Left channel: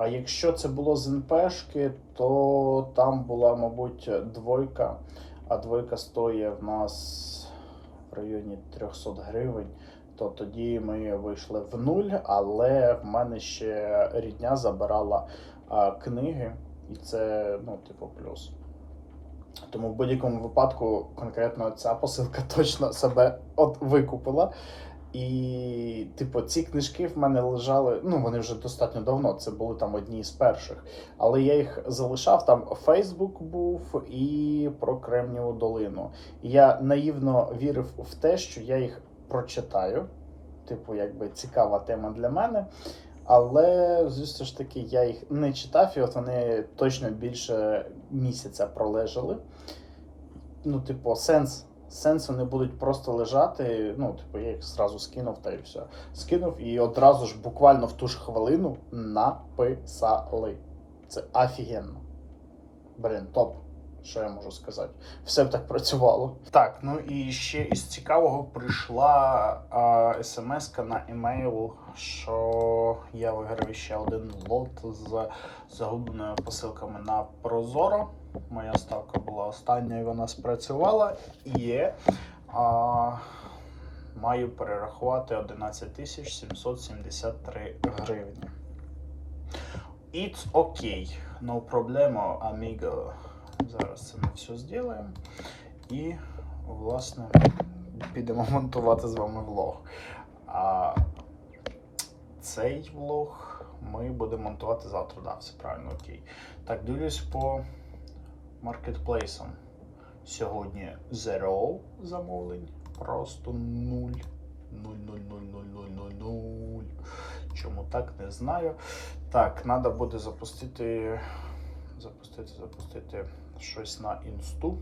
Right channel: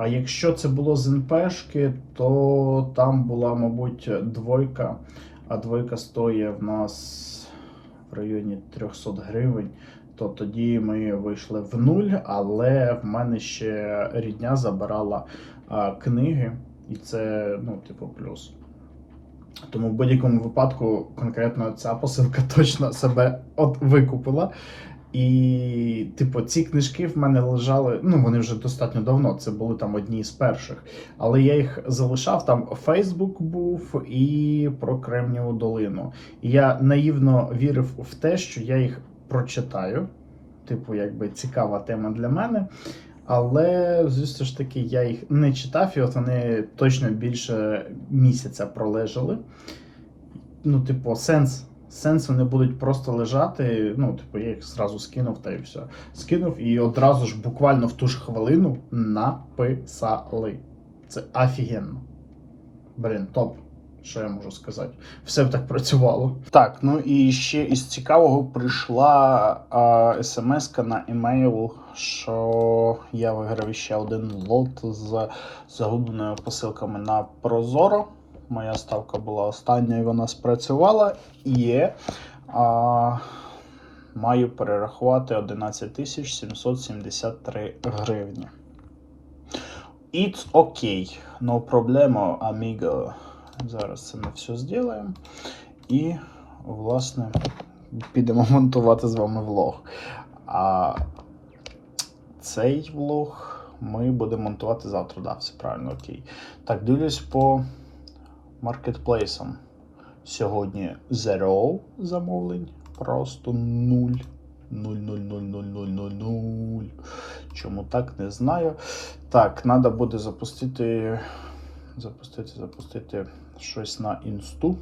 А якщо це було з НПшки, то там була, мабуть, двойка, а двойка стоїть в нас в районі 300 гривень. То тоді ми вийшли в нуль, але в мене ще рідня забирала а, книги, і це, ну, типу, плюс. Тому в будь-якому випадку конкретно ця посилка точно себе от викупила. І, типу, ці книжки в мене лежали. Ну, вони вже достатньо давно. Це були там одні з перших. Але я їх залишав. Там Фейсбук був і про Кремніву долину. Я наївно вірив в те, що я їх прочитаю. Типу, якби цікава тема для мене. Але, звісно ж таки, я їх не читав, і от вони точно більше місяця пролежали. Ну, типу, сенс. Сенс вони будуть просто лежати. Ну, типу, я їх зразу скинув та і все. Скинув і одразу ж буквально в ту ж хвилину написали. Це офігенно. Блін, топ. Що я можу сказати? Все б так працювало. Так, ну і ще із цікавого прийшла а, смс на емейл, що я виграв ще один лот з загубленими посилками на Прозоро. Моя ставка була остання і вона спрацювала. І а, маю перерахувати 11 773 гривні. It's okay. No problemo, amigo. Зараз це ми все зробимо. І, власне, підемо монтувати з вами влог. А цей влог ми будемо монтувати завтра. Да, все правильно, окей. Так, дивлюсь по маркетплейсам. Сьогодні zero замовлень. Просто нуль. Нуль, нуль, нуль, нуль, нуль, нуль, нуль. Чому так, не знаю. Так, треба буде запустити. Запустити, запустити щось на інсту.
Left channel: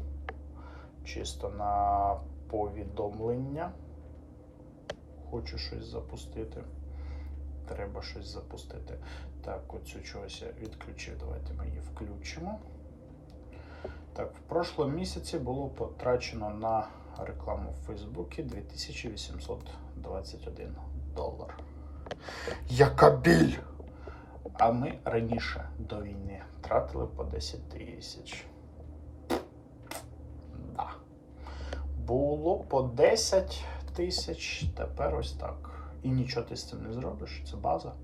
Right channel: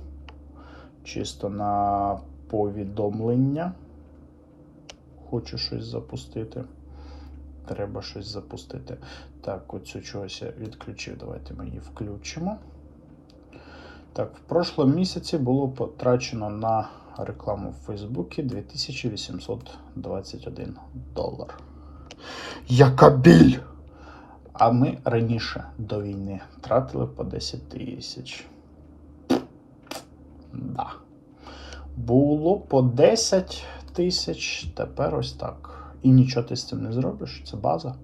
Чисто на повідомлення. Хочу щось запустити. Треба щось запустити. Так, оцю чогось я відключив. Давайте ми її включимо. Так, в прошлому місяці було потрачено на рекламу в Фейсбуці 2821 долар. Яка біль! А ми раніше до війни тратили по 10 тисяч. Да. Було по 10 тисяч, тепер ось так. І нічого ти з цим не зробиш, це база.